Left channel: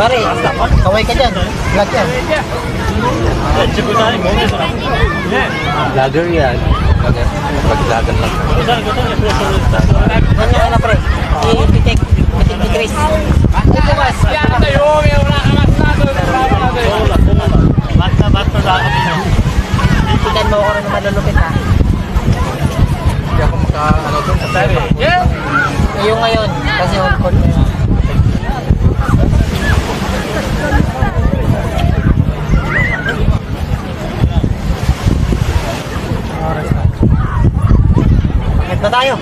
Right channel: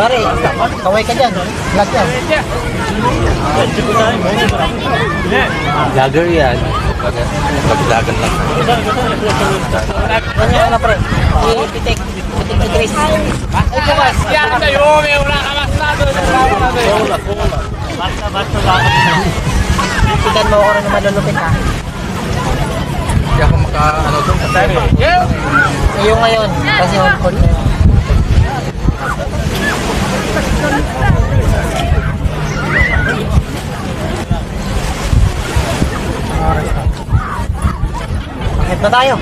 Pare, kaway ka dyan. Vlog yan. Lager yan. Laglagan lang. Yan yung ano pre. Pitik ni Chris. Ay bukas. Yan tayo, may wala ka mas nato. Basta. Tigan mo ako rin na malulupit ha. Hindi ako maka-ano doon. Yung ngayon, kasi on court na yun. Bakit na tayo?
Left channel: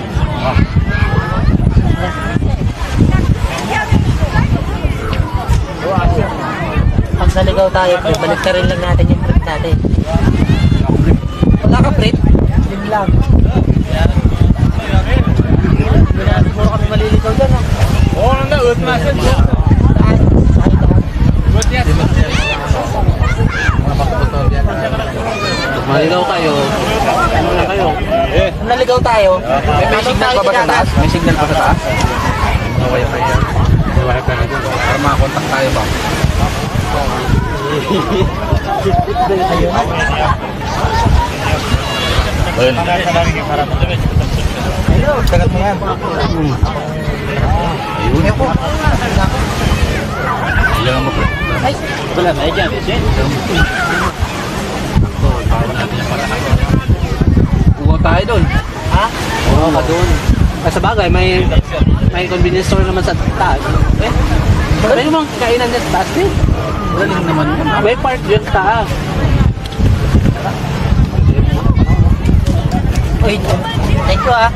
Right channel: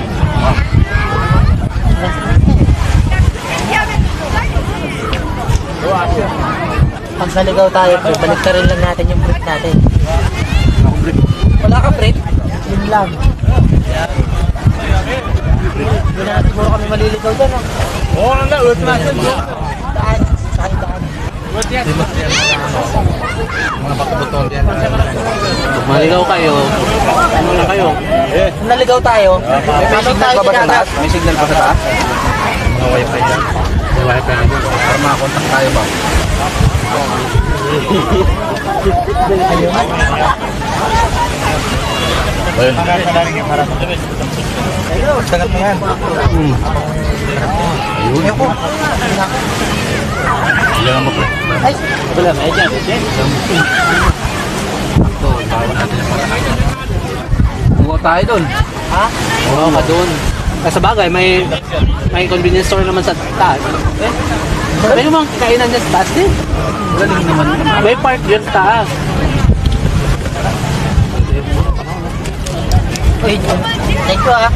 Pag naligaw tayo, balik na rin lang natin yung print natin. Wala ka print? Yun lang. Hindi na siguro kami maliligaw dyan, no? Oo, nanda, ut masan dyan. Daan, saan daan? Ut yan. Mga bakabuton yan. Maligaw kayo. Ano na kayo? Kung naligaw tayo, ano tayo ginagas? May signal pa sa taas? Mga wifi yan. May wifi na dyan. Para makakontakt tayo ba? Ayun. Ayun. Ayun, sagat mo yan. Ayun. Ayun po. Ilan mo po? Ay, Wala, may dyan. Ito, tawag natin yung pagkakain. Kuha tayo doon. ha? Oo, ka doon. Sa bagay, may convenience store naman sa taas. Pwede mo ang kainan dyan sa taas din. Wala lang naman. May park dyan sa taas. Uy, thank you ha.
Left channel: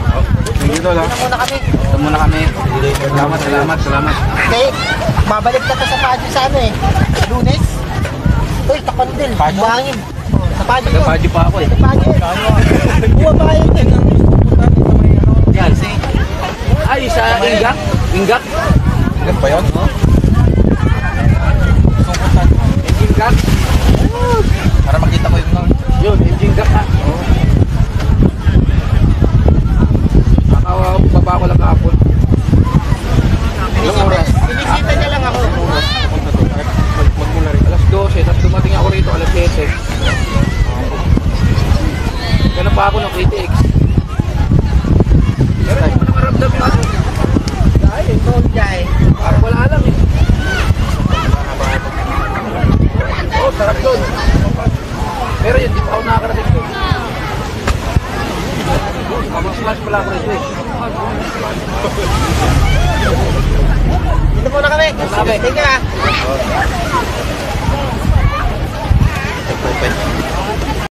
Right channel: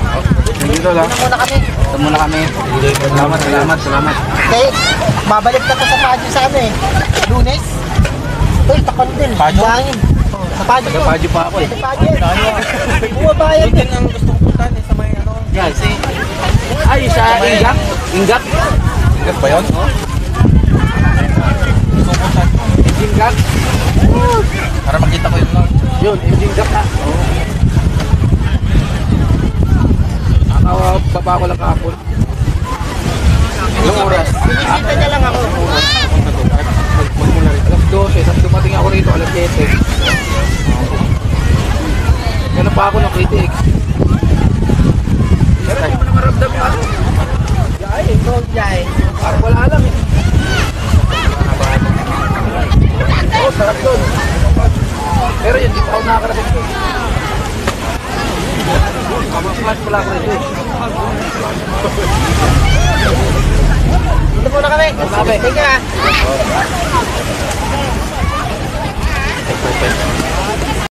Dito lang. Una muna kami. Ito muna kami. Salamat. Okay, babalik na to sa Padyo sa ano eh. Lunes. Uy, takon din. Padyo? Buhangin. Sa Padyo to. Padyo pa ako eh. Sa Padyo. Bumabayan din. Ang gusto puntan eh sa may ano. Yan. Ay, sa Ingat. Ingat. Ingat ba yun? Gusto puntan. Ingat. Para makita ko yung nang. Yun, Ingat ha. Baba ko lang kahapon. Ilang oras? Pinisita niya lang ako. Punta to. Magmula rin. Alas 12. Tapos dumating ako rito alas 7. Ganun pa ako ng KTX. Pero hindi mo na maramdam yung ano. Ay, ikaw jay. Parang wala alam eh. Oo, sarap doon. Pero yun, di pa ako nakakarating doon. Mag-smash pala ako rito eh. Dito muna kami. Thank you ha.